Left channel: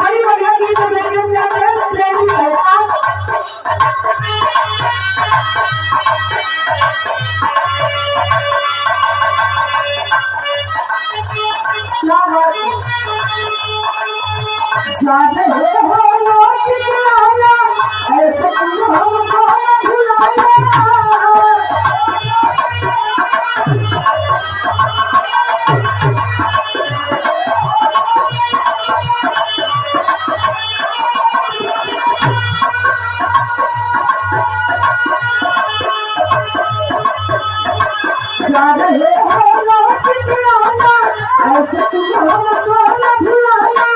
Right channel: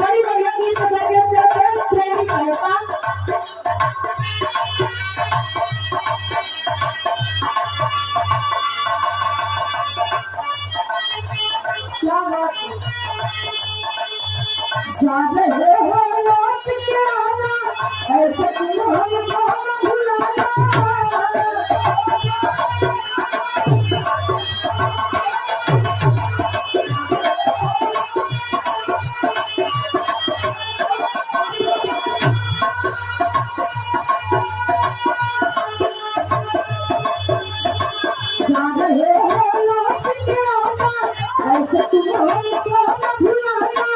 बड़ी बढ़िया गीत संगीत करते हैं प्रेमी कहता क्या बात जाने हो लौट के आना ऐसे तुम हमको भुलाना जाने हो लौट के आना ऐसे तुम हमको भुलाना